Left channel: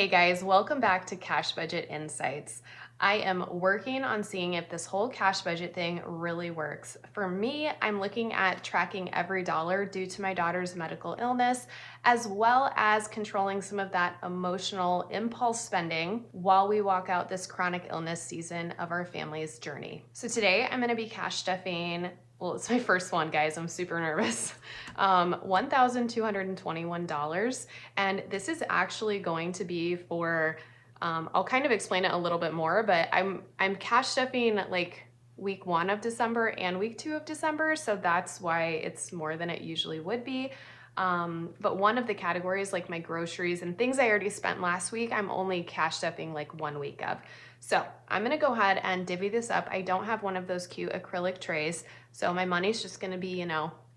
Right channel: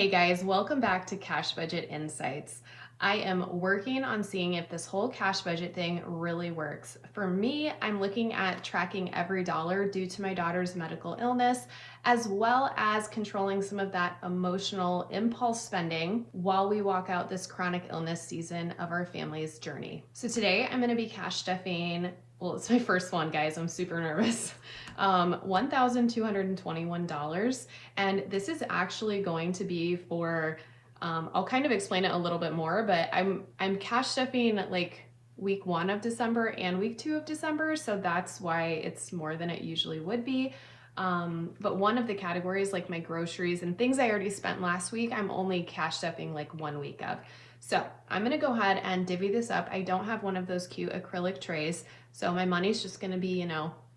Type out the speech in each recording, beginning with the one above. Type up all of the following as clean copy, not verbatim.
Hey guys, welcome back to Cash Budget Insights. I am working on seeing if this whole cash budget thing really works. For me, I'm looking at tracking every dollar due to my daughter's medical illness, as well as controlling some of that emotional impulse spending while we walk out this chronic illness season of our family's journey. So today I'm gonna be cash stuffing, well, it's my first one, guys, I'm super nervous. $1,221. And this is actually going to be for, I'll kind of explain it a little bit more, but I'm cash stuffing like week 1 of December and week 2 of December. So that's why it's more than it usually would be. But one of the categories, like my groceries and things I already spent last week, I'm only cash stuffing like 1 week of. So I'm gonna go ahead and divvy this up. I don't have one of those cute acrylic trays, so my money's just gonna be,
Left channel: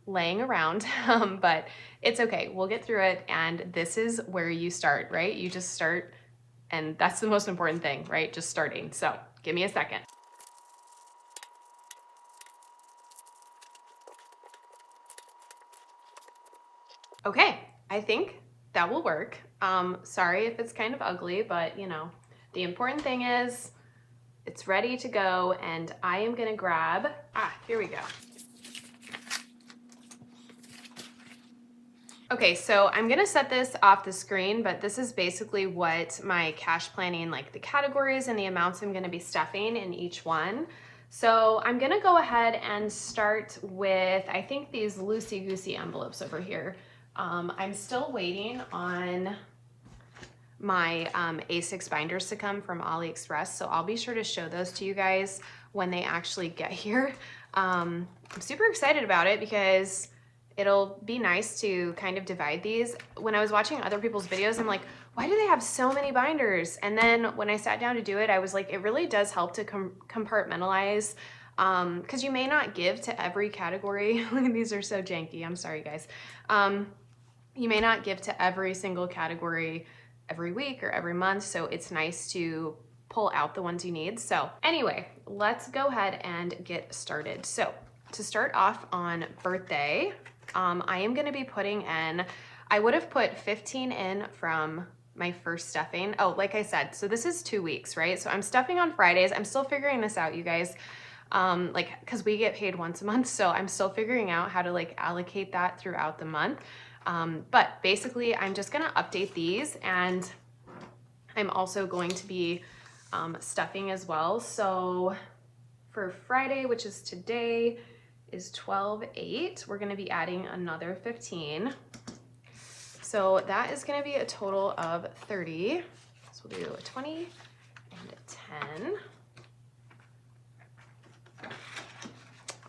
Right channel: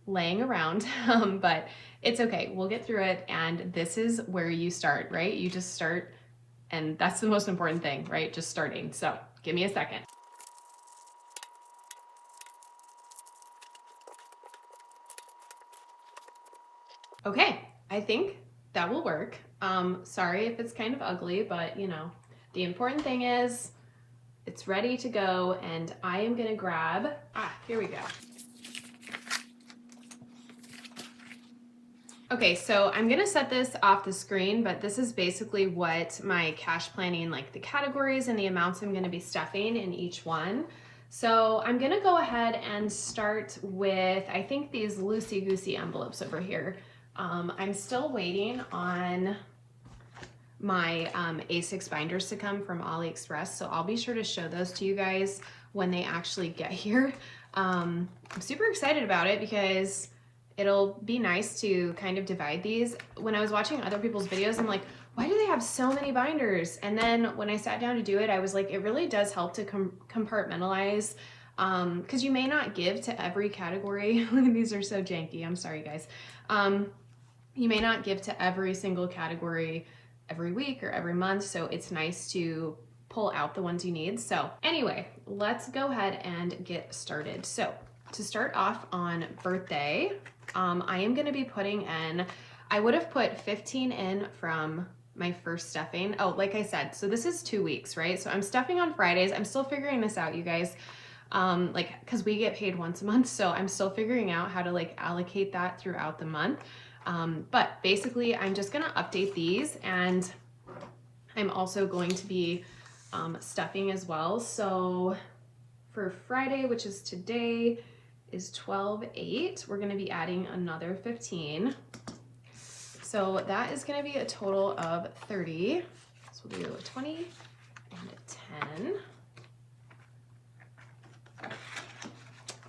laying around, but it's okay. We'll get through it. And this is where you start, right? You just start, and that's the most important thing, right? Just starting. So give me a second. Okay, I think that will work. Sorry if it's kind of ugly, but the important thing is it's ready to go, and I am gonna grab, here we go. Okay, so I'm gonna set this off the screen, but this is basically what my cash planning, like the categories and the amounts I'm gonna be stuffing in each one. So I'm gonna go ahead and start with, I think, these loosey-goosey envelopes over here. I'm still waiting on my A6 binders to come from AliExpress, so I'll be sure to show those to you guys when they actually get here. I'm super excited about it because it'll be nice to kind of divide these. When I was watching other people's videos, I'm like, why do they have so many binders? And then when I sat down to do it, I was like, it really does help to compartmentalize, because you may not give to every category. These are so janky, I'm sorry guys. You may not give to every single category every week or every month, so it's nice to pull out the ones you need. So anyway, let's go ahead and get started. So to start off on birthday, I am gonna be putting in, I would have put 15 in from my first stuffing. Oh, like I said, so this is 2 weeks, right? So I'm stuffing on Fridays. I'm still figuring this out, you guys. Cause we get paid once a month. So I'm still figuring out how to like allocate that throughout the month. But basically I'm just gonna update these, and I'm also going to be stuffing as well. So for Friday, which is today, is 12/8. We're gonna be adding another 15. So that is gonna be a total of 30. So we'll do a 20 and a 10.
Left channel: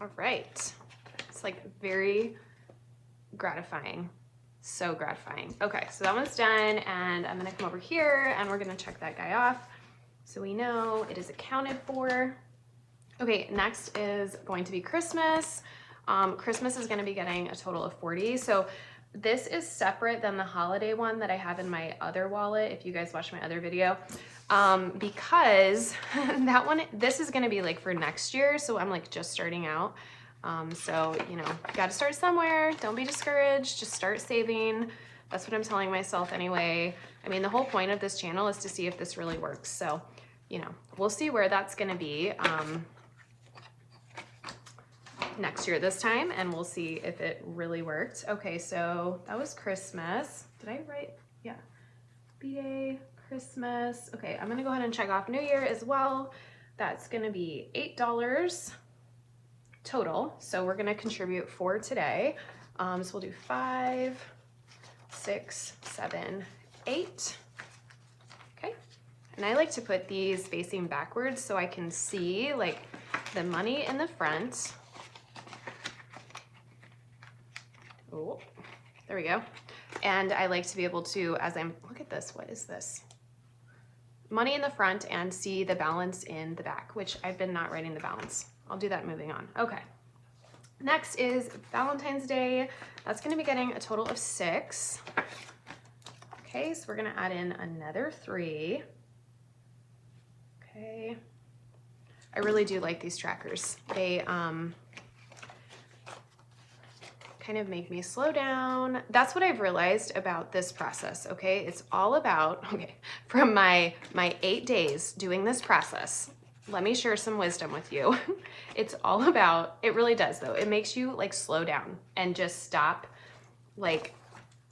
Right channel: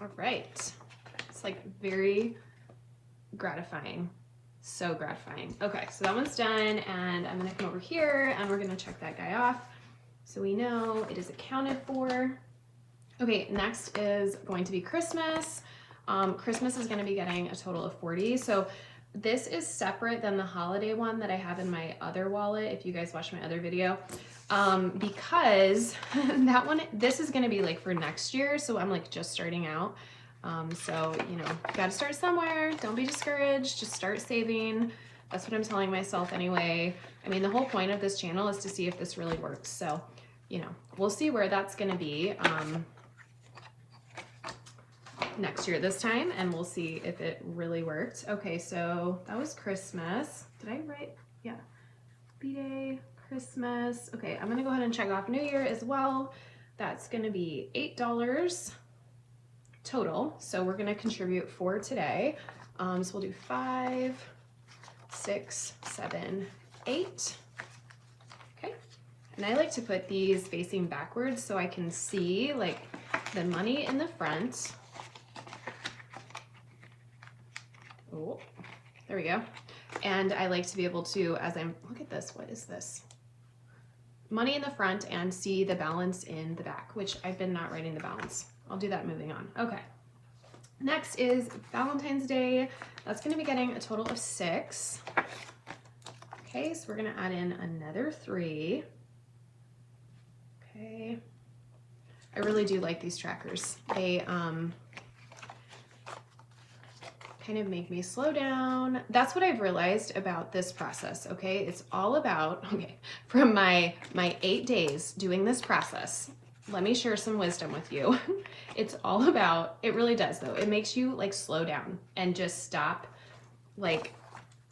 All right. It's like very gratifying. So gratifying. Okay, so that one's done, and I'm gonna come over here and we're gonna check that guy off so we know it is accounted for. Okay, next is going to be Christmas. Christmas is gonna be getting a total of 40. So this is separate than the holiday one that I have in my other wallet, if you guys watch my other video, because that one, this is gonna be like for next year. So I'm like just starting out. So, gotta start somewhere. Don't be discouraged, just start saving. That's what I'm telling myself anyway. I mean, the whole point of this channel is to see if this really works. So, we'll see where that's gonna be next year this time, and we'll see if it really worked. Okay, so that was Christmas. Did I write? Yeah. B-Day, Christmas. Okay, I'm gonna go ahead and check off New Year as well. That's gonna be $8 total. So we're gonna contribute 4 today. So we'll do 5, 6, 7, 8. Okay. And I like to put these facing backwards so I can see like the money in the front. Oh, there we go. And I like to be able to, as I'm, look at this, what is this? Money in the front and see the balance in the back, which I've been not writing the balance. I'll do that moving on. Okay. Next is Valentine's Day. That's gonna be getting a total of 6. Okay, so we're gonna add in another 3. Okay. I really do like these trackers. They kind of make me slow down. That's what I've realized about this process, okay? It's all about, okay, from my 8 days doing this process, let me share some wisdom with you. It's all about, it really does though. It makes you like slow down and just stop like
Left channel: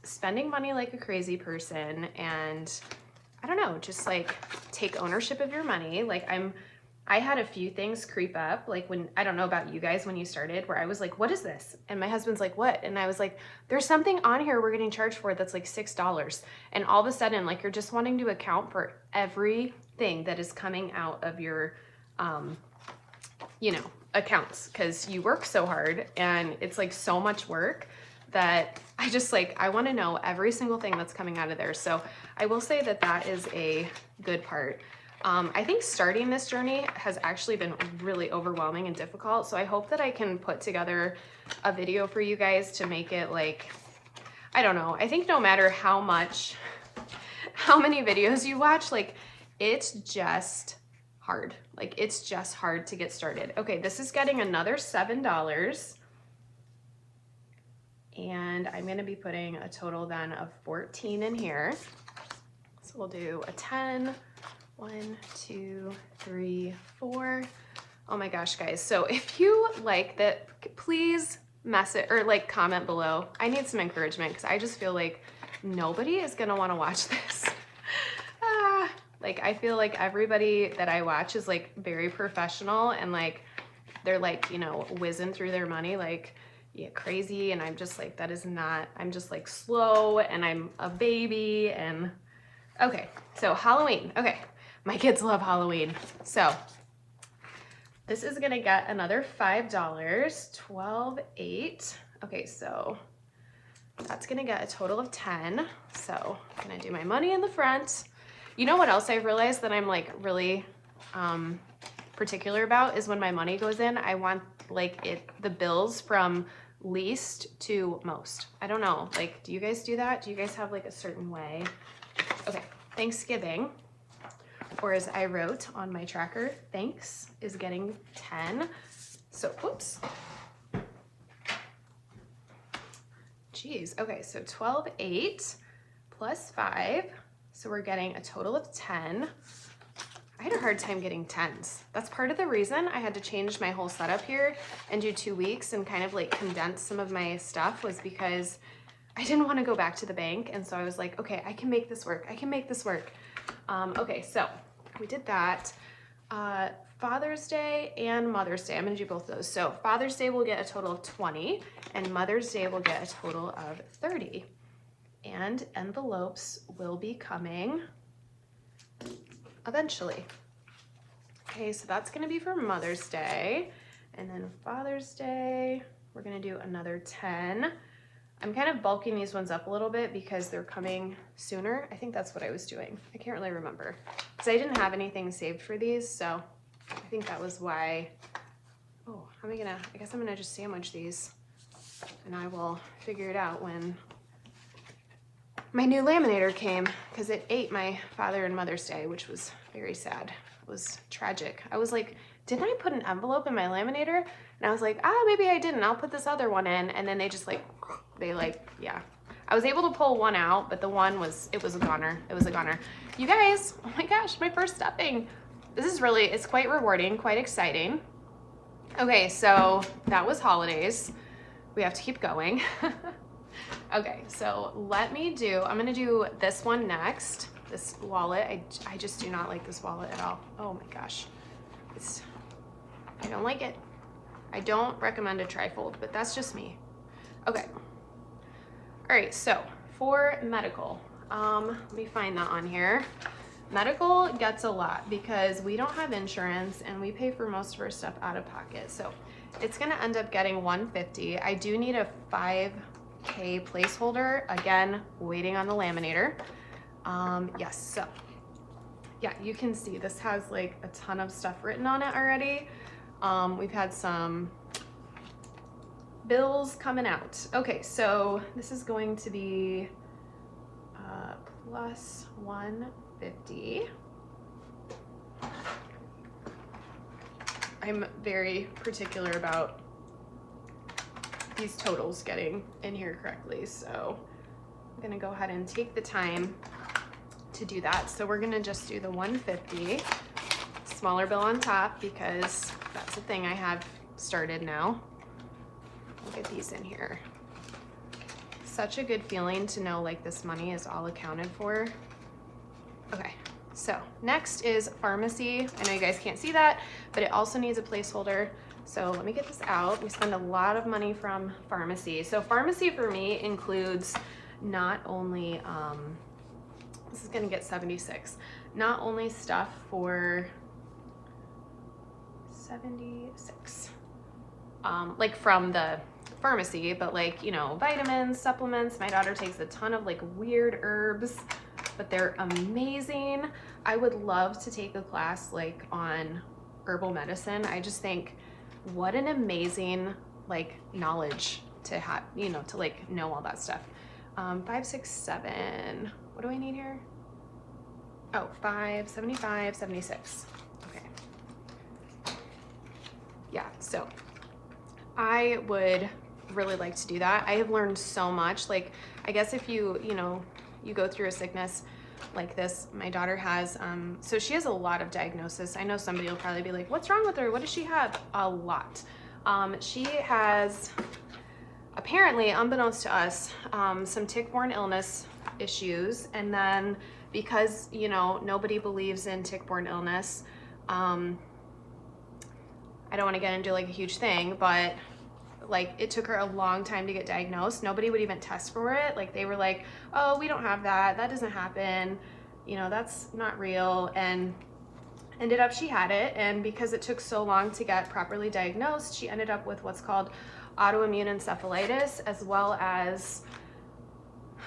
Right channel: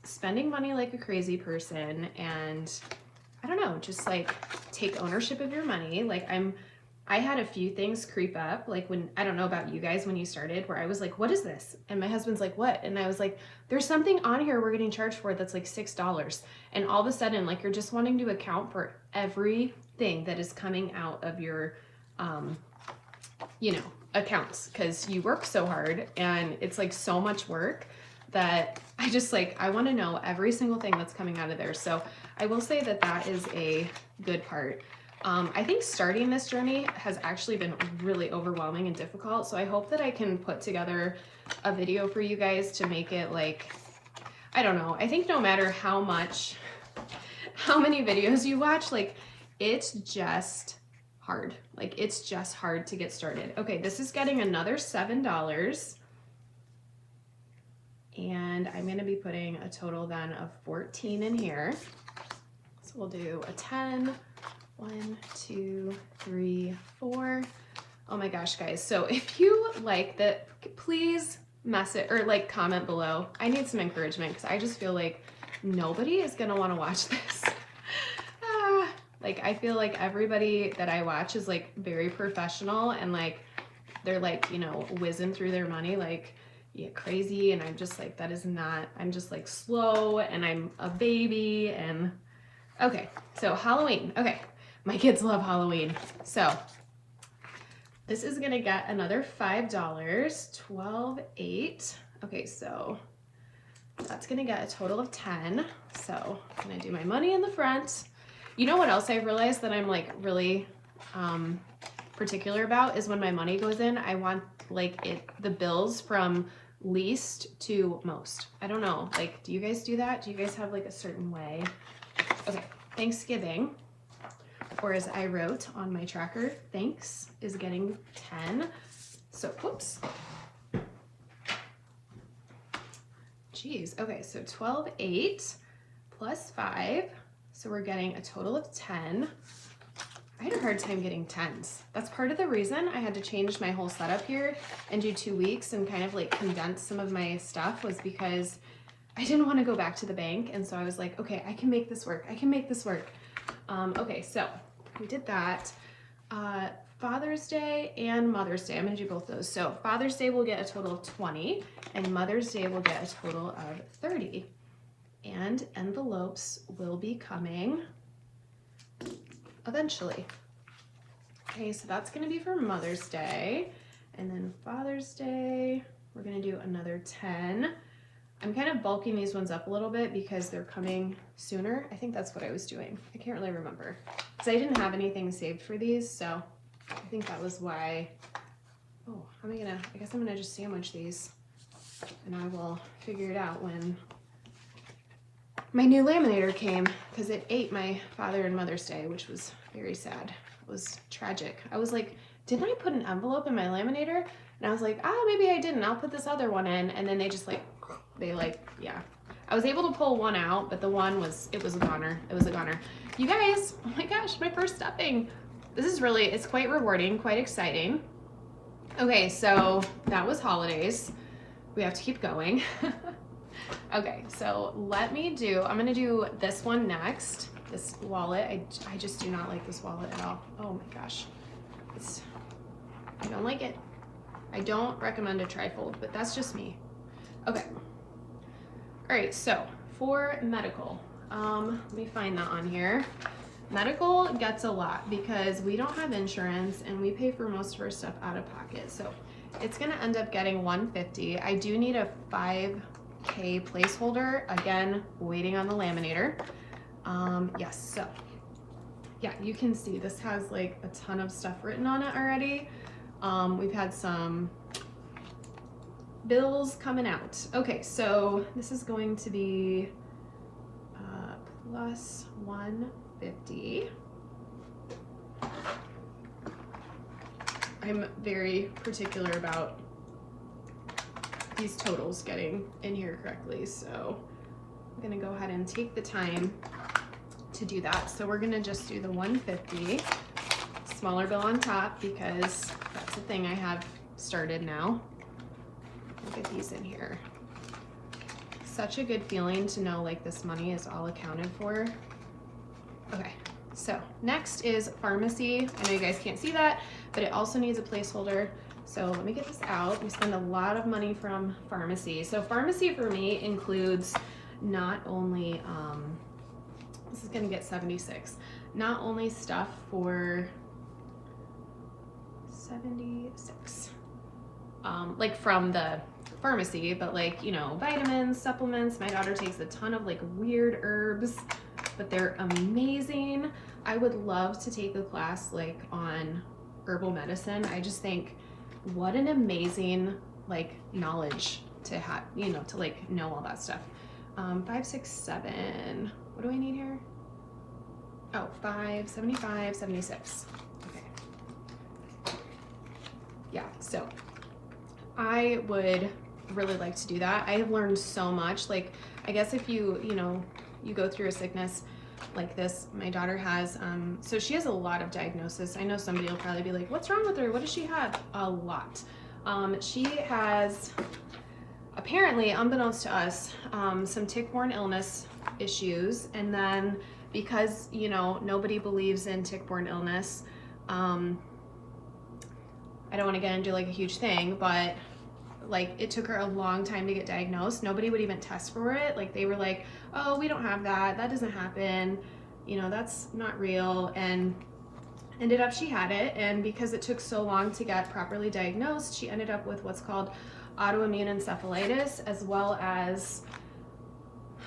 spending money like a crazy person, and I don't know, just like take ownership of your money. Like I had a few things creep up, like when, I don't know about you guys when you started, where I was like, what is this? And my husband's like, what? And I was like, there's something on here we're getting charged for that's like $6. And all of a sudden, like, you're just wanting to account for everything that is coming out of your, you know, accounts, because you work so hard and it's like so much work that I just like, I want to know every single thing that's coming out of there. So I will say that that is a good part. I think starting this journey has actually been really overwhelming and difficult. So I hope that I can put together a video for you guys to make it like, I don't know. I think no matter how many videos you watch, like it's just hard. Like it's just hard to get started. Okay, this is getting another $7. And I'm going to be putting a total then of 14 in here. So we'll do a 10, 1, 2, 3, 4. Oh my gosh, guys. So if you like that, please message or like comment below. I need some encouragement because I just feel like nobody is going to want to watch this. Like I feel like everybody that I watch is like very professional and like they're like, you know, whizzing through their money like, yeah, crazy. And I'm just like, that is not, I'm just like slow and I'm a baby. And okay, so Halloween. Okay, my kids love Halloween. So this is gonna get another $5, 12, 8. Okay, so that's gonna get a total of 10. So I'm gonna do my money in the front. You know what else I realized that I'm like really particular about is when my money goes in, I want like the bills from least to most. I don't know, like, do you guys do that? Do you guys have like a certain way? Okay, Thanksgiving, or as I wrote on my tracker, thanks is getting 10. So, whoops. Geez, okay, so 12, 8 plus 5. So we're getting a total of 10. I had a hard time getting 10s. That's part of the reason I had to change my whole setup here and do 2 weeks and kind of like condense some of my stuff, was because I didn't want to go back to the bank. And so I was like, okay, I can make this work. I can make this work. Okay, so we did that. Father's Day and Mother's Day. I'm going to do both of those. So Father's Day will get a total of 20 and Mother's Day will get a total of 30. And envelopes will be coming eventually. Okay, so that's gonna be for Mother's Day. And then Father's Day, we're gonna do another 10. I'm kind of bulking these ones up a little bit because they're coming sooner. I think that's what I was doing. I can't really remember. So I didn't have anything saved for these, so I think that was why. Oh, I guess I'm gonna just sandwich these and I will figure it out when my new laminator came, because it ate my Father and Mother's Day, which was very sad. It was tragic. I was like, didn't I put an envelope in my laminator? And I was like, maybe I didn't. I'll put this other one in. And then they just like, yeah. I was able to pull one out, but the one it was a goner. It was a goner. You guys, oh my gosh, my first stuffing. This is really, it's quite rewarding, quite exciting. Okay, so that was holidays. We have to keep going. Okay, so I'm gonna do this one next, this wallet. I just do not like this wallet at all. Oh my gosh, I don't like it. I don't recommend a trifold, but that's just me. Okay, all right, so for medical, let me find that on here. Medical gets a lot because we don't have insurance and we pay for most of our stuff out of pocket. So it's gonna end up getting $150. I do need a 5K placeholder. Again, waiting on the laminator. Yes, so yeah, you can see this has like a ton of stuff written on it already. We've had some bills coming out. Okay, so this is going to be plus 150. I'm very particular about these totals getting in here correctly. So I'm gonna go ahead and take the time to do that. So we're gonna just do the 150, smaller bill on top, because that's the thing I have started now. Look at these in here. Such a good feeling to know like this money is all accounted for. Okay, so next is pharmacy. I know you guys can't see that, but it also needs a placeholder. So let me get this out. We spend a lot of money from pharmacy. So pharmacy for me includes not only, this is gonna get 76, not only stuff for 76, like from the pharmacy, but like, you know, vitamins, supplements. My daughter takes a ton of like weird herbs, but they're amazing. I would love to take a class like on herbal medicine. I just think what an amazing like knowledge to have, you know, to like know all that stuff. 5, 6, 7, what do I need here? Oh, 5, 75, 76. Okay. Yeah, so I would really like to do that. I have learned so much. Like, I guess if you know, you go through a sickness like this, my daughter has, so she has a lot of diagnosis. I know somebody will probably be like, what's wrong with her? What does she have? A lot. She has, apparently, unbeknownst to us, some tick-borne illness issues. And then because, you know, nobody believes in tick-borne illness, I don't want to get into like a huge thing, but like it took her a long time to get diagnosed. Nobody would even test for it. Like they were like, oh, we don't have that. That doesn't happen. You know, that's not real. And ended up she had it. And because it took so long to get properly diagnosed, she ended up with what's called autoimmune encephalitis, as well as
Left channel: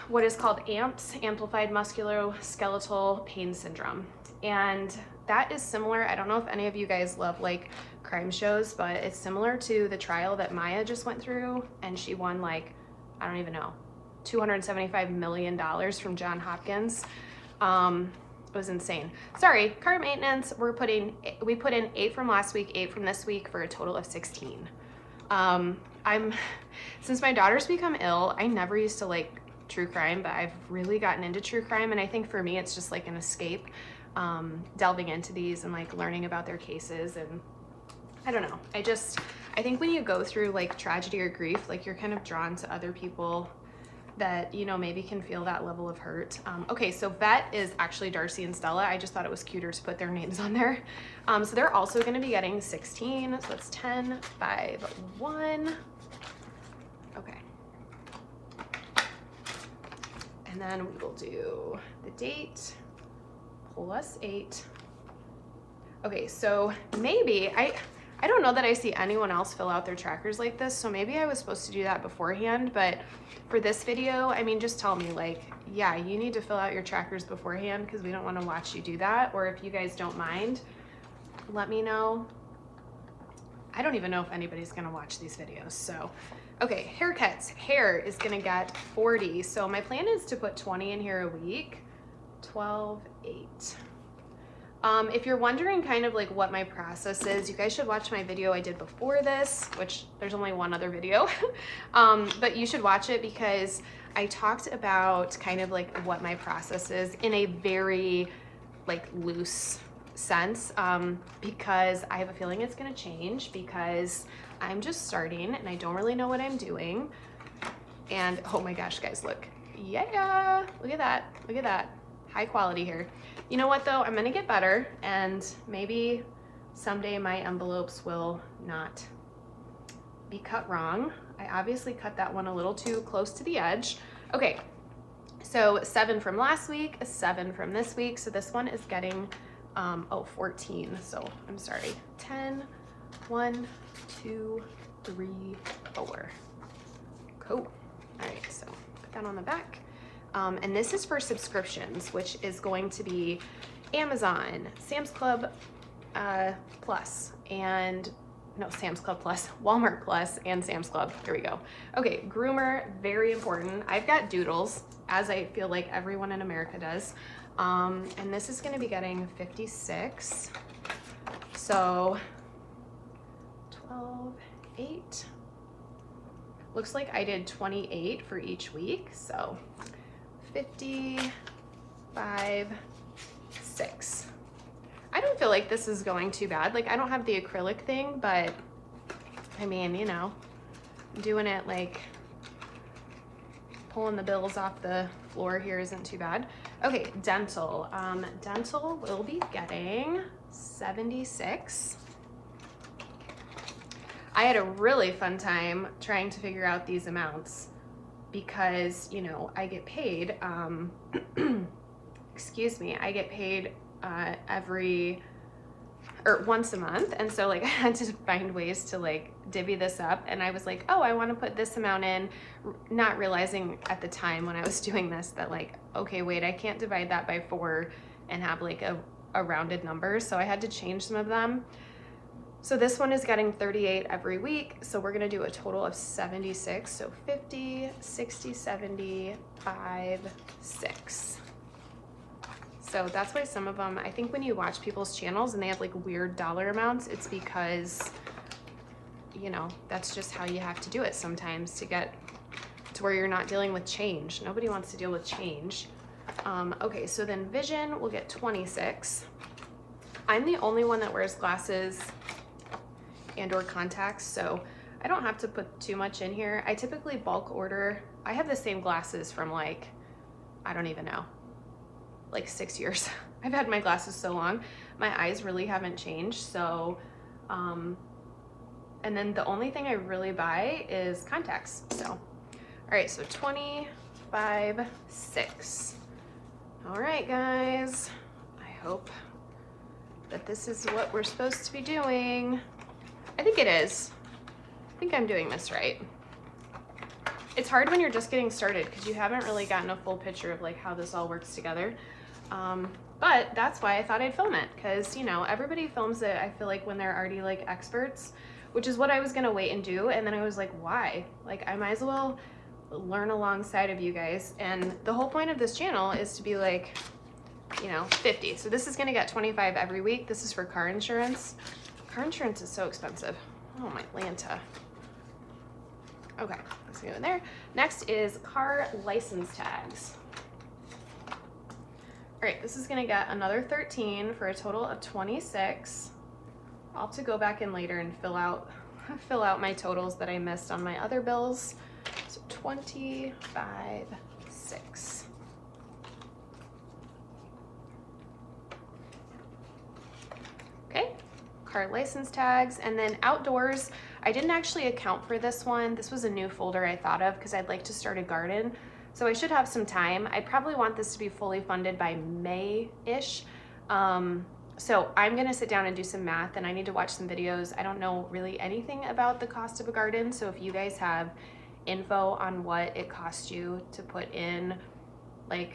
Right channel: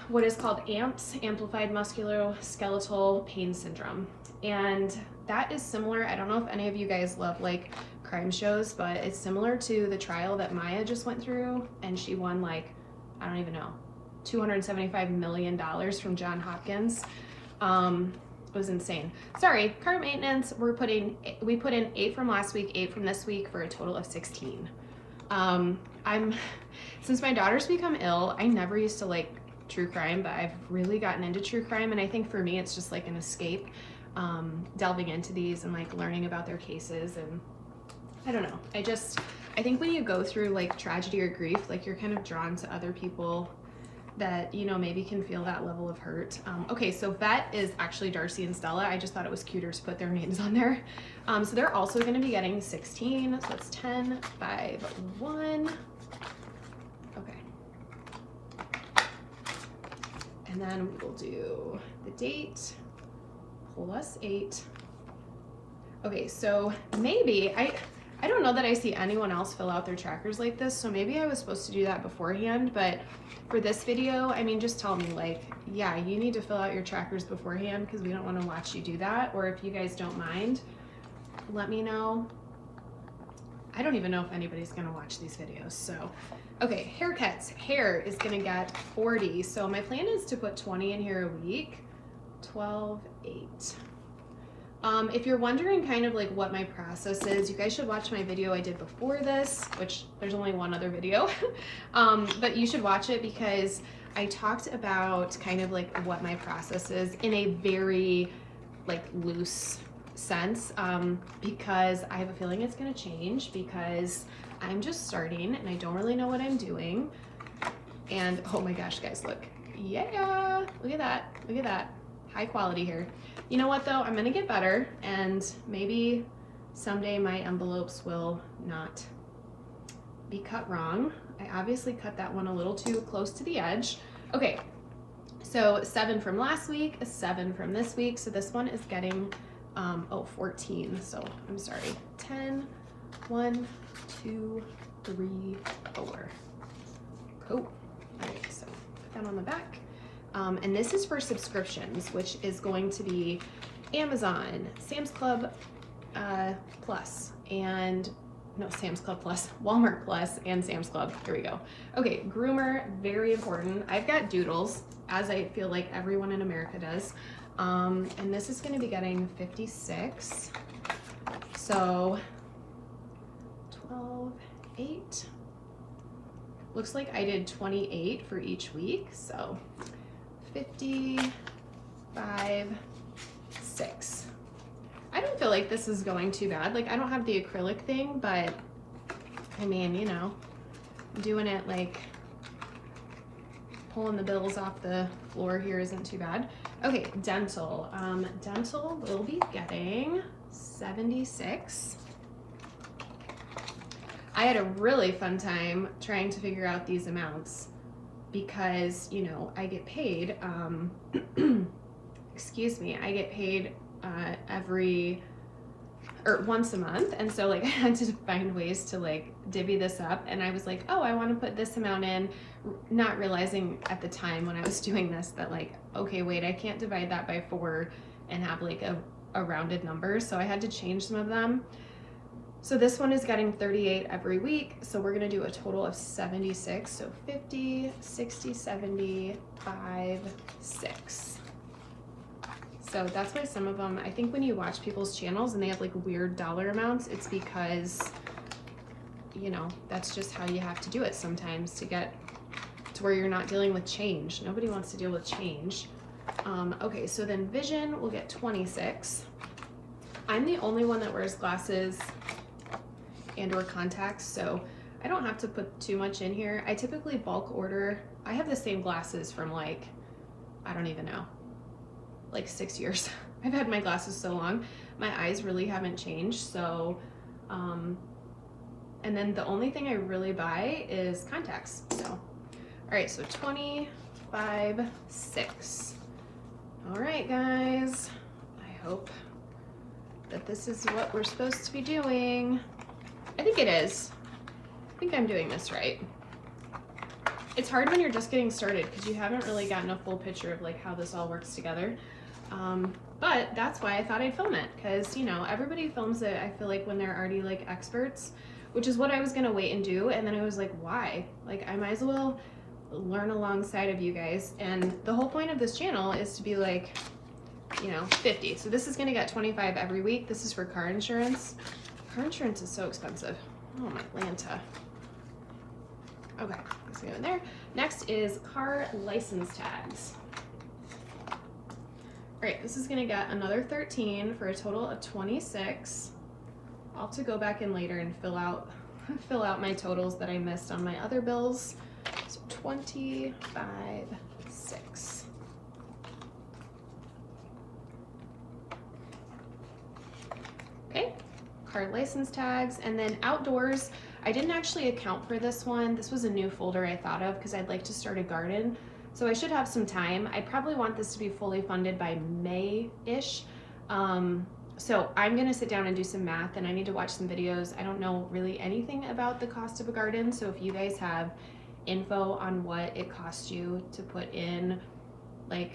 what is called AMPS, amplified musculoskeletal pain syndrome. And that is similar. I don't know if any of you guys love like crime shows, but it's similar to the trial that Maya just went through, and she won like, I don't even know, $275 million from Johns Hopkins. It was insane. Sorry, cart maintenance, we put in 8 from last week, 8 from this week for a total of 16. Since my daughter's become ill, I never used to like true crime, but I've really gotten into true crime, and I think for me it's just like an escape, delving into these and like learning about their cases. And I don't know, I think when you go through like tragedy or grief, like you're kind of drawn to other people that, you know, maybe can feel that level of hurt. Okay, so vet is actually Darcy and Stella. I just thought it was cuter to put their names on there. So they're also gonna be getting 16, so that's 10, 5, 1. Okay. And then we will do the date, plus 8. Okay, so maybe, I don't know that I see anyone else fill out their trackers like this, so maybe I was supposed to do that beforehand, but for this video, I mean, just tell me like, yeah, you need to fill out your trackers beforehand because we don't want to watch you do that. Or if you guys don't mind, let me know. I don't even know if anybody's gonna watch these videos. So, okay, haircuts. Hair is gonna get 40. So my plan is to put 20 in here a week. 12, 8. If you're wondering kind of like what my process is, you guys should watch my video I did before this, which there's only one other video, but you should watch it because I talked about kind of like what my process is in a very like loose sense, because I have a feeling it's gonna change because I'm just starting and I don't really know what I'm doing. And oh my gosh, guys, look, yeah, look at that, look at that, high quality here. You know what though, I'm gonna get better, and maybe someday my envelopes will not be cut wrong. I obviously cut that one a little too close to the edge. Okay, so 7 from last week, a 7 from this week. So this one is getting, 14. So I'm sorry, 10, 1, 2, 3, 4. Cool. All right, so put that on the back. And this is for subscriptions, which is going to be Amazon, Sam's Club Plus, and no, Sam's Club Plus, Walmart Plus, and Sam's Club. Here we go. Okay, groomer, very important. I've got Doodles, as I feel like everyone in America does. And this is gonna be getting 56. So 12, 8. looks like I did 28 for each week. So 50, 5, 6. I don't feel like this is going too bad. Like I don't have the acrylic thing, but I mean, you know, doing it like pulling the bills off the floor here isn't too bad. Okay, dental. Dental will be getting 76. I had a really fun time trying to figure out these amounts because, you know, I get paid, excuse me, I get paid once a month. And so like I had to find ways to like divvy this up. And I was like, oh, I want to put this amount in, not realizing at the time when I was doing this that like, okay, wait, I can't divide that by 4 and have like a rounded number. So I had to change some of them. So this one is getting 38 every week. So we're gonna do a total of 76. So 50, 60, 70, 5, 6. So that's why some of them, I think when you watch people's channels and they have like weird dollar amounts, it's because, you know, that's just how you have to do it sometimes to get to where you're not dealing with change. Nobody wants to deal with change. Okay, so then vision will get 26. I'm the only one that wears glasses and or contacts, so I don't have to put too much in here. I typically bulk order. I have the same glasses from like, I don't even know, like 6 years. I've had my glasses so long. My eyes really haven't changed. So, and then the only thing I really buy is contacts. So, all right, so 25, 6. All right, guys, I hope that this is what we're supposed to be doing. I think it is. I think I'm doing this right. It's hard when you're just getting started because you haven't really gotten a full picture of like how this all works together. But that's why I thought I'd film it, because, you know, everybody films it, I feel like, when they're already like experts, which is what I was gonna wait and do. And then I was like, why? Like, I might as well learn alongside of you guys. And the whole point of this channel is to be like, you know, 50. So this is gonna get 25 every week. This is for car insurance. Car insurance is so expensive. Oh my Lanta. Okay, let's go in there. Next is car license tags. All right, this is gonna get another 13 for a total of 26. I'll have to go back in later and fill out my totals that I missed on my other bills. So 25, 6. Okay, car license tags, and then outdoors. I didn't actually account for this one. This was a new folder I thought of because I'd like to start a garden. So I should have some time. I probably want this to be fully funded by May-ish. So I'm gonna sit down and do some math, and I need to watch some videos. I don't know really anything about the cost of a garden. So if you guys have info on what it costs you to put in like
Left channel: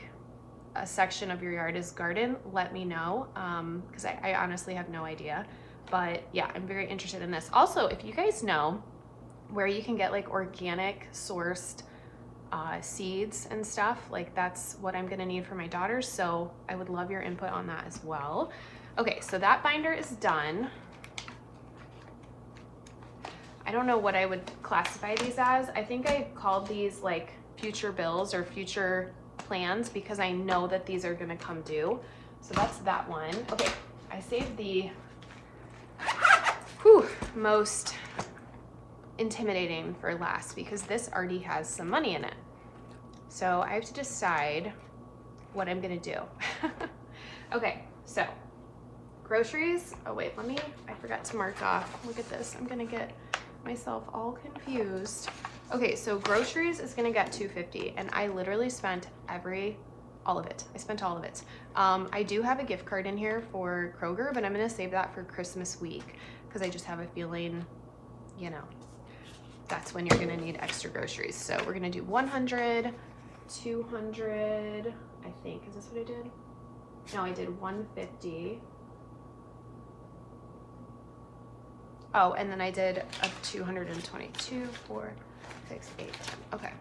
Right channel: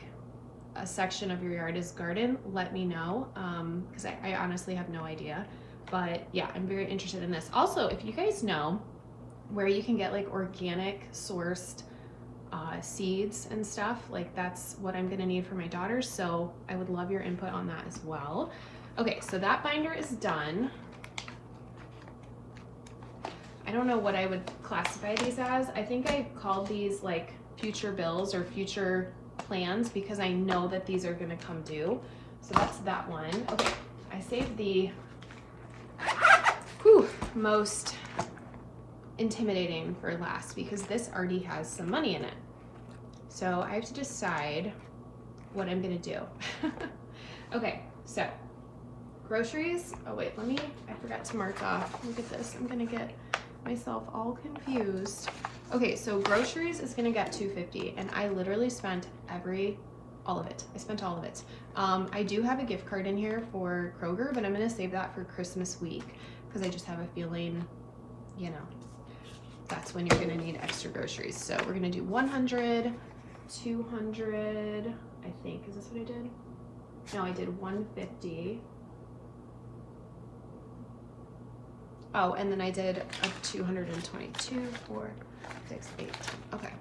a section of your yard as garden, let me know, because I honestly have no idea. But yeah, I'm very interested in this. Also, if you guys know where you can get like organic sourced seeds and stuff, like that's what I'm gonna need for my daughters. So I would love your input on that as well. Okay, so that binder is done. I don't know what I would classify these as. I think I called these like future bills or future plans because I know that these are gonna come due. So that's that one. Okay, I saved the most intimidating for last because this already has some money in it. So I have to decide what I'm gonna do. Okay, so groceries. Oh wait, I forgot to mark off. Look at this, I'm gonna get myself all confused. Okay, so groceries is gonna get $2.50, and I literally spent all of it. I spent all of it. I do have a gift card in here for Kroger, but I'm gonna save that for Christmas week because I just have a feeling, you know, that's when you're gonna need extra groceries. So we're gonna do 100, 200, I think. Is this what I did? No, I did 150. Oh, and then I did a 222, 4, 6, 8, 10. Okay.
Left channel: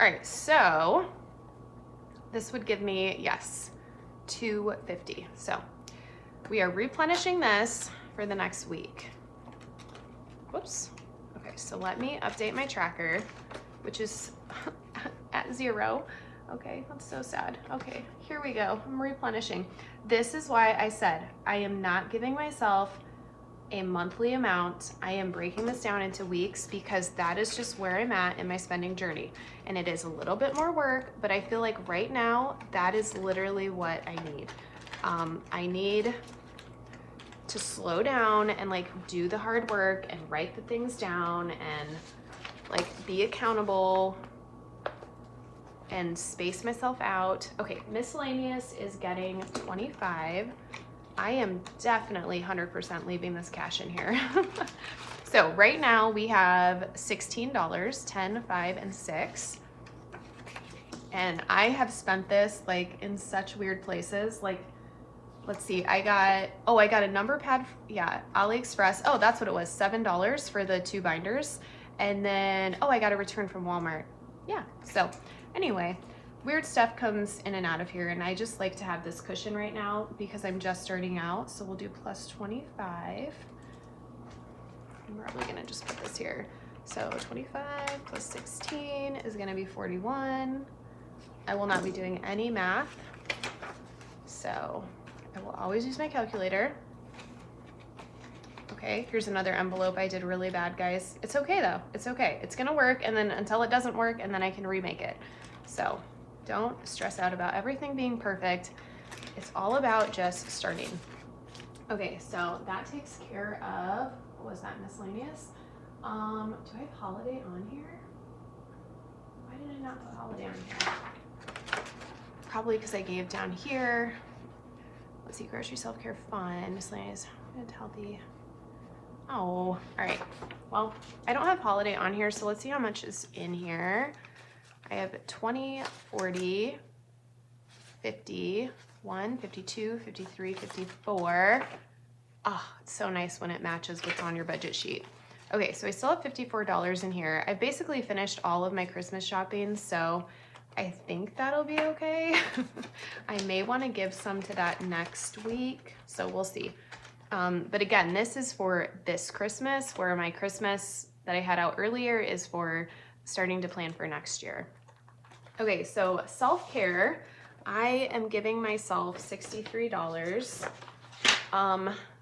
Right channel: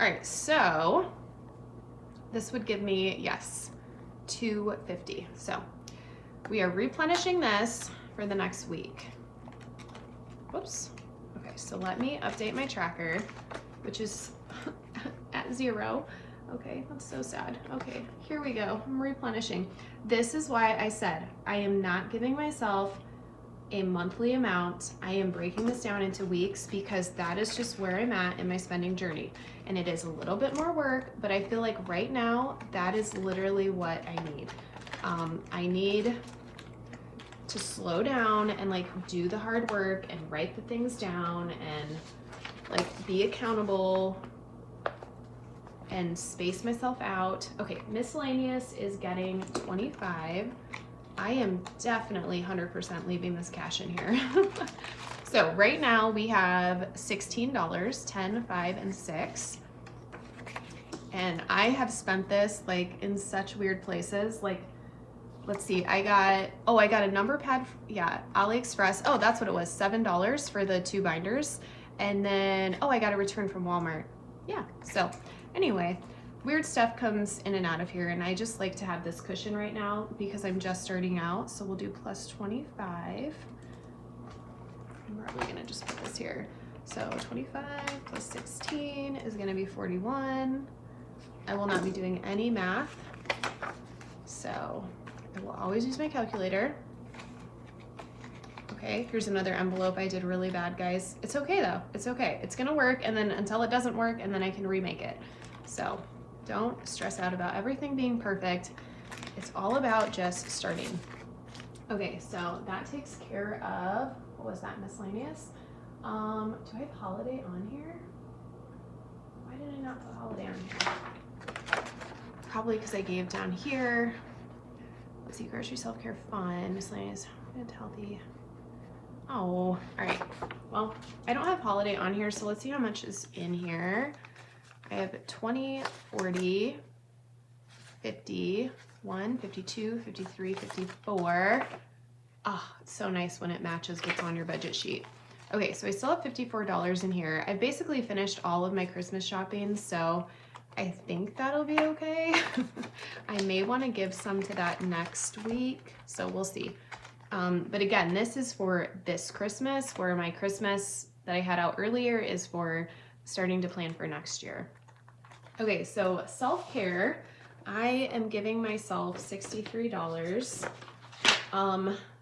All right, so this would give me, yes, 250. So we are replenishing this for the next week. Whoops. Okay. Okay, so let me update my tracker, which is at 0. Okay, that's so sad. Okay, here we go. I'm replenishing. This is why I said I am not giving myself a monthly amount. I am breaking this down into weeks because that is just where I'm at in my spending journey. And it is a little bit more work, but I feel like right now that is literally what I need. I need to slow down and like do the hard work and write the things down and like be accountable and space myself out. Okay, miscellaneous is getting 25. I am definitely 100% leaving this cash in here. So right now we have $16, 10, 5, and 6. And I have spent this like in such weird places. Like, let's see, I got a number pad, yeah, AliExpress. Oh, that's what it was, $7 for the 2 binders. And then, oh, I got a return from Walmart. Yeah, so anyway, weird stuff comes in and out of here, and I just like to have this cushion right now because I'm just starting out. So we'll do plus 25. I'm probably gonna just put this here. So 25 plus 16 is gonna be 41. I will not be doing any math, so I will always use my calculator. Okay, here's another envelope. I did really bad, guys. It's okay though, it's okay. It's gonna work, and then until it doesn't work, and then I can remake it. So don't stress out about everything being perfect. It's all about just starting. Okay, so that takes care of, what was that, miscellaneous? Do I have holiday on here? Why did I not put holiday on here? Probably because I gave down here. Let's see, grocery, self-care, fun, miscellaneous, good, healthy. Oh, all right. Well, I don't have holiday on here, so let's see how much is in here. I have 20, 40, 50, 1, 52, 53, 54. Oh, it's so nice when it matches what's on your budget sheet. Okay, so I still have $54 in here. I've basically finished all of my Christmas shopping, so I think that'll be okay. I may want to give some to that next week, so we'll see. But again, this is for this Christmas, where my Christmas that I had out earlier is for starting to plan for next year. Okay, so self-care, I am giving myself $63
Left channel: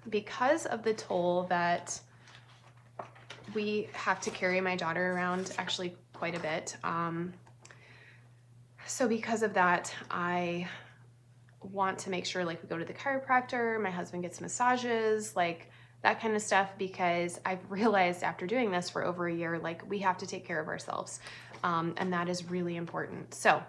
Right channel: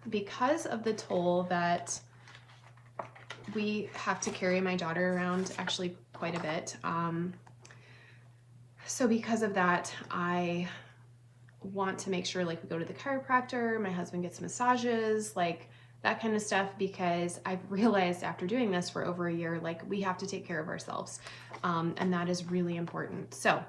because of the toll that we have to carry my daughter around actually quite a bit. So because of that, I want to make sure like we go to the chiropractor, my husband gets massages, like that kind of stuff, because I've realized after doing this for over a year, like we have to take care of ourselves. And that is really important. So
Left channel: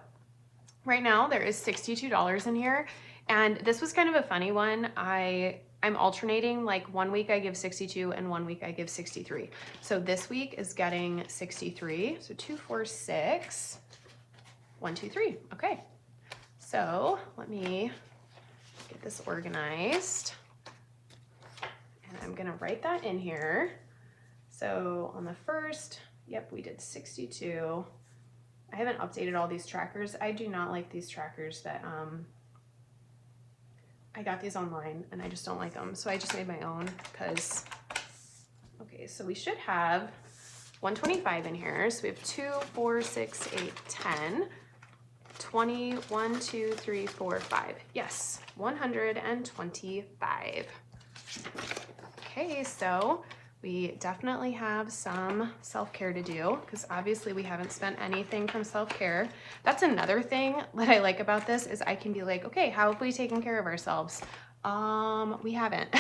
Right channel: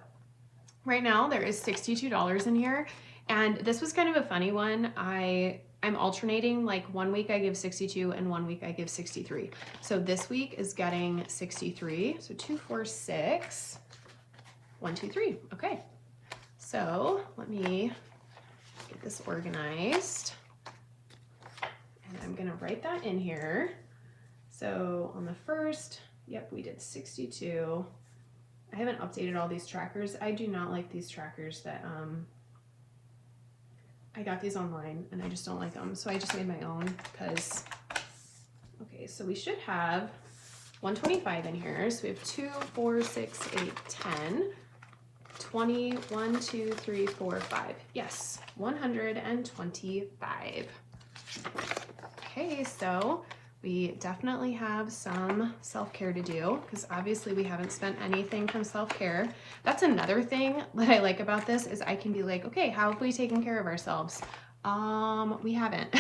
right now there is $62 in here, and this was kind of a funny one. I'm alternating, like 1 week I give 62 and 1 week I give 63. So this week is getting 63. So 2, 4, 6, 1, 2, 3. Okay. So let me get this organized, and I'm gonna write that in here. So on the first, yep, we did 62. I haven't updated all these trackers. I do not like these trackers that, I got these online and I just don't like them. So I just made my own because, okay, so we should have 125 in here. So we have 2, 4, 6, 8, 10. 20, 1, 2, 3, 4, 5. Yes, 125. Okay, so we definitely have some self-care to do because obviously we haven't spent anything from self-care. That's another thing that I like about this is I can be like, okay, how have we taken care of ourselves? We haven't.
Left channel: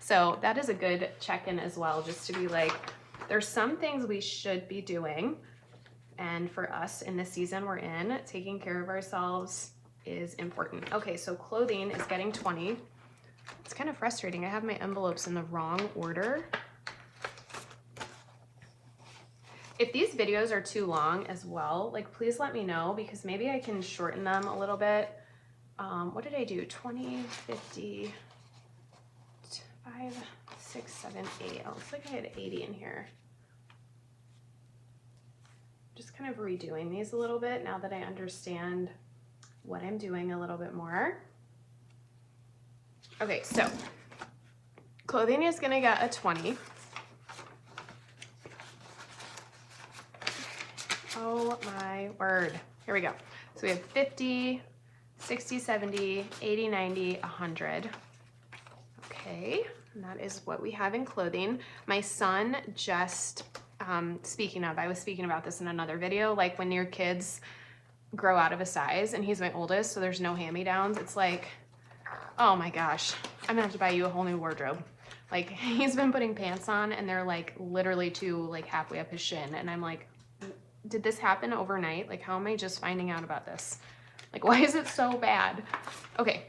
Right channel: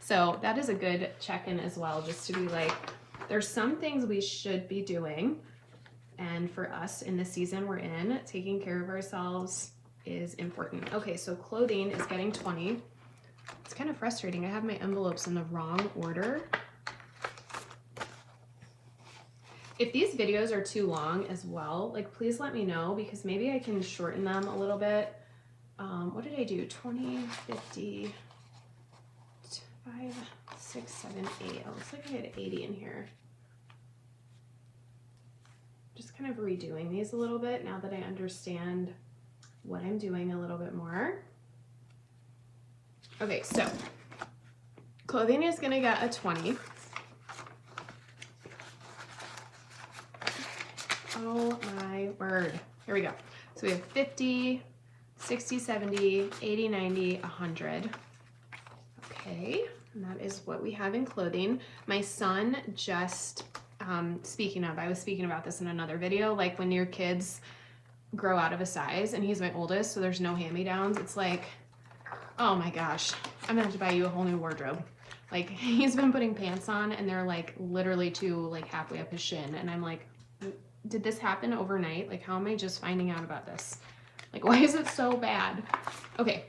So that is a good check-in as well, just to be like, there's some things we should be doing. And for us in the season we're in, taking care of ourselves is important. Okay, so clothing is getting 20. It's kind of frustrating. I have my envelopes in the wrong order. If these videos are too long as well, like please let me know because maybe I can shorten them a little bit. What did I do? 20, 50, 5, 6, 7, 8. Oh, looks like I had 80 in here. Just kind of redoing these a little bit now that I understand what I'm doing a little bit more. Okay, so clothing is gonna get a 20. Oh my word. Here we go. So we have 50, 60, 70, 80, 90, 100. Okay, and that is what we have in clothing. My son just, speaking of, I was speaking about this in another video, like when your kids grow out of a size, and he's my oldest, so there's no hand-me-downs. It's like, oh my gosh, I'm gonna have to buy you a whole new wardrobe. Like, he's been putting pants on and they're like literally to like halfway up his shin, and I'm like, did this happen overnight? Like, how am I just finding out about this? Like, why is it so bad? Okay,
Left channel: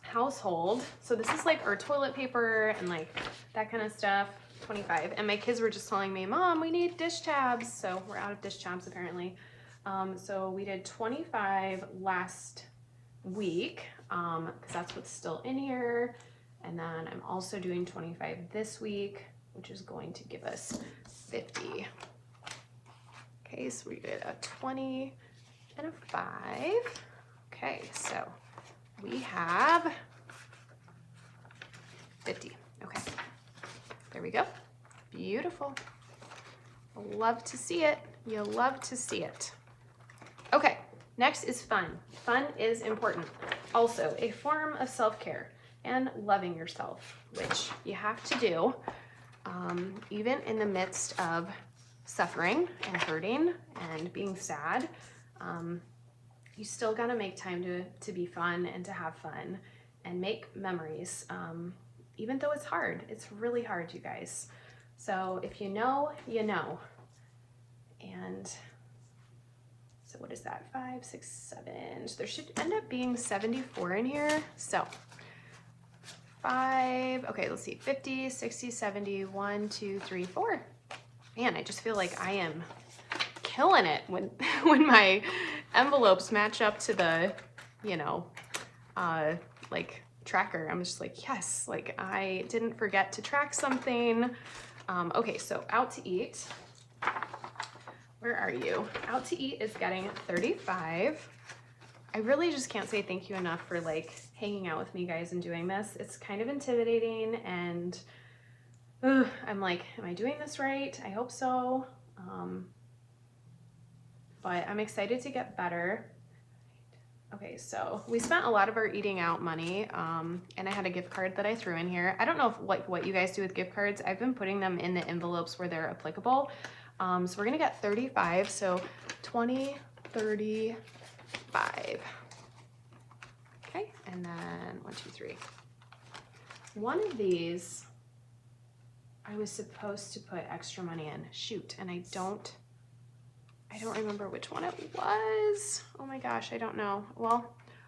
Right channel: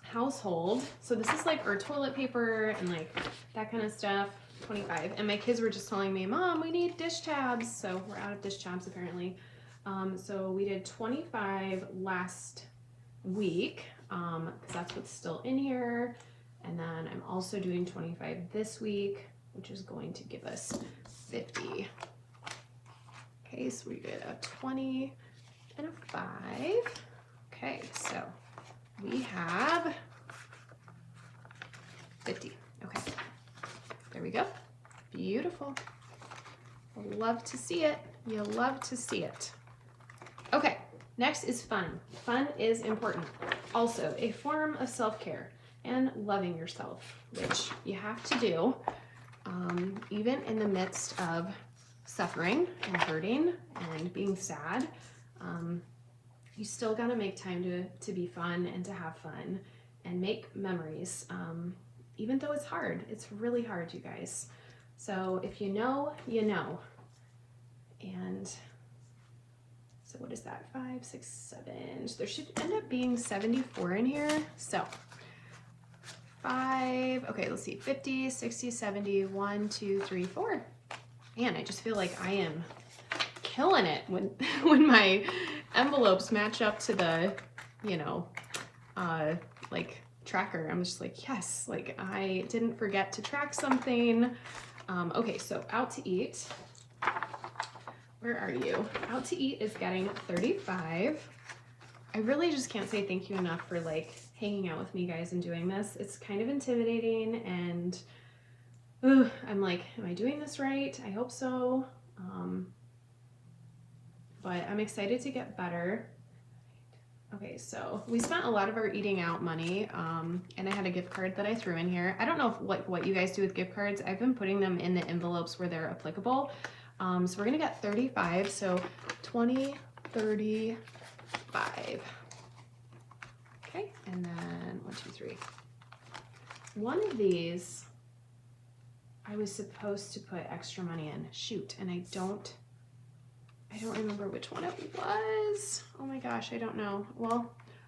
household. So this is like our toilet paper and like that kind of stuff. 25. And my kids were just telling me, Mom, we need dish tabs. So we're out of dish tabs apparently. So we did 25 last week, because that's what's still in here. And then I'm also doing 25 this week, which is going to give us 50. Okay, so we did a 20 and a 5. Okay, so we have 50. Okay, there we go. Beautiful. Love to see it. You love to see it. Okay, next is fun. Fun is important. Also, a form of self-care and loving yourself, which you have to do, even in the midst of suffering and hurting and being sad. You still gotta make time to be fun and to have fun and make memories, even though it's hard. It's really hard, you guys. So if you know, you know. And so what is that? 5, 6, 7. There should end up being 74 in here. So 5, okay, let's see, 50, 60, 70, 1, 2, 3, 4. Man, I just feel like I am killing it when when my envelopes match up to the, you know, like tracker. I'm just like, yes, like I didn't forget to track something. Okay, so out to eat. Where are you? Out to eat is getting 35. I really just can't say thank you enough for like hanging out with me, guys, and doing this. It's kind of intimidating, and I'm like, am I doing this right? I hope so. But I'm excited to get better. Okay, so we spent a lot of our eating out money, and I had a gift card that I threw in here. I don't know what you guys do with gift cards. I've been putting them in the envelopes where they're applicable. So we're gonna get 35, so 20, 35. Okay, and then 1, 2, 3. One of these, I was supposed to put extra money in. Shoot, and I don't remember which one it was. Oh my gosh, I don't know. Well,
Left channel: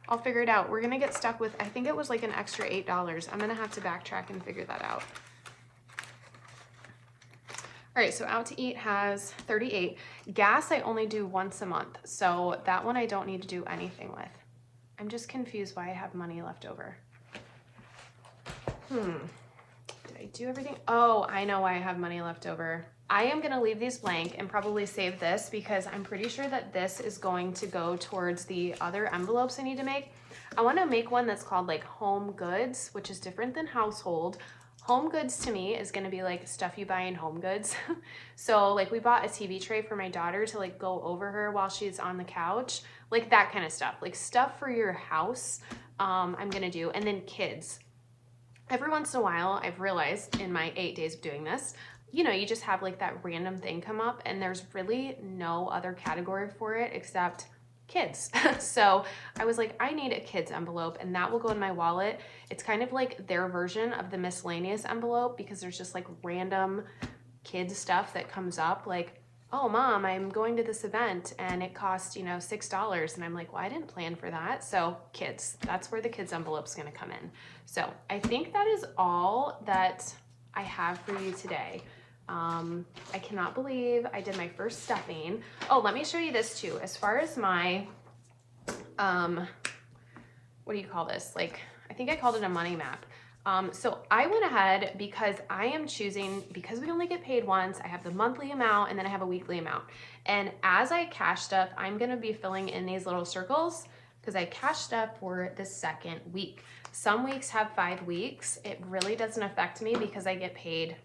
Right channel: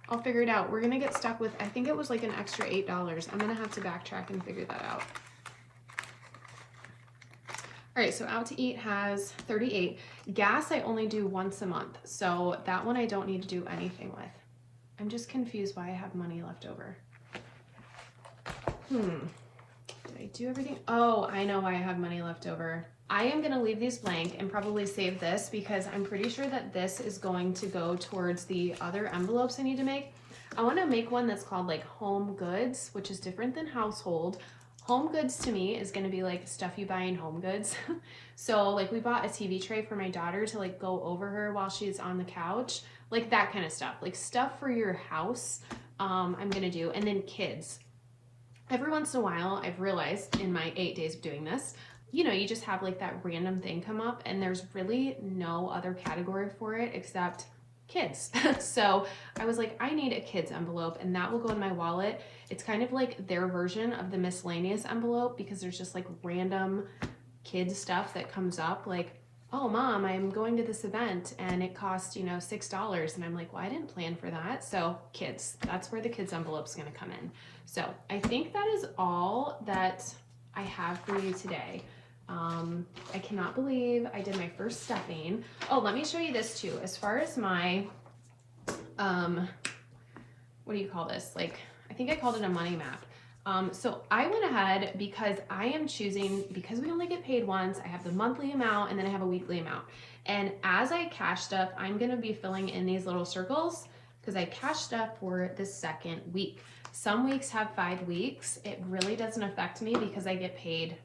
I'll figure it out. We're gonna get stuck with, I think it was like an extra $8. I'm gonna have to backtrack and figure that out. All right, so out to eat has 38. Gas I only do once a month, so that one I don't need to do anything with. I'm just confused why I have money left over. Did I do everything? Oh, I know why I have money left over. I am gonna leave these blank and probably save this because I'm pretty sure that this is going to go towards the other envelopes I need to make. I wanna make one that's called like home goods, which is different than household. Home goods to me is gonna be like stuff you buy in Home Goods. So like we bought a TV tray for my daughter to like go over her while she's on the couch, like that kind of stuff, like stuff for your house. I'm gonna do, and then kids. Every once in a while, I've realized in my 8 days of doing this, you know, you just have like that random thing come up and there's really no other category for it except kids. So I was like, I need a kids envelope, and that will go in my wallet. It's kind of like their version of the miscellaneous envelope because there's just like random kids stuff that comes up, like, oh mom, I'm going to this event and it costs, you know, $6. And I'm like, well, I didn't plan for that. So kids, that's where the kids envelope's gonna come in. So I think that is all that I have for you today. I cannot believe I did my first stuffing. Oh, let me show you this too. As far as my, what do you call this? Like, I think I called it a money map. So I went ahead because I am choosing, because we only get paid once, I have the monthly amount and then I have a weekly amount. And as I cash stuff, I'm gonna be filling in these little circles because I cash stuff for the second week. Some weeks have 5 weeks. It really doesn't affect me because I get paid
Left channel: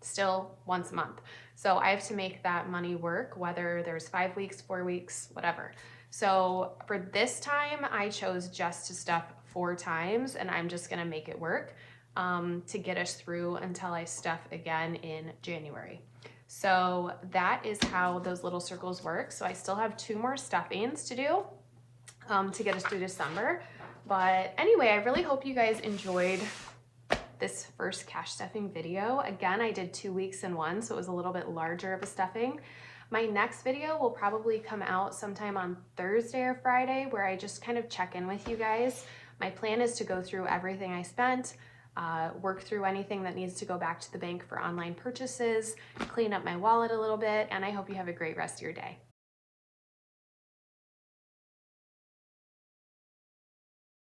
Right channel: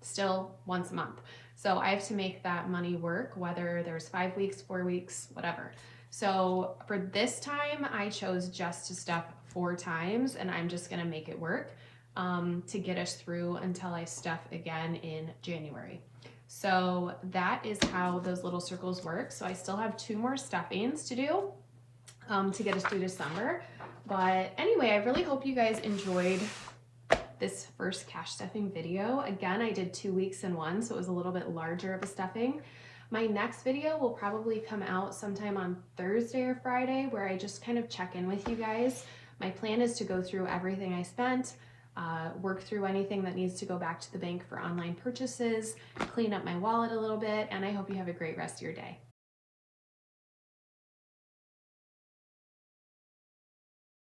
still once a month. So I have to make that money work, whether there's 5 weeks, 4 weeks, whatever. So for this time, I chose just to stuff 4 times, and I'm just gonna make it work to get us through until I stuff again in January. So that is how those little circles work. So I still have 2 more stuffings to do to get us through December. But anyway, I really hope you guys enjoyed this first cash stuffing video. Again, I did 2 weeks in one, so it was a little bit larger of a stuffing. My next video will probably come out sometime on Thursday or Friday, where I just kind of check in with you guys. My plan is to go through everything I spent, work through anything that needs to go back to the bank for online purchases, clean up my wallet a little bit, and I hope you have a great rest of your day.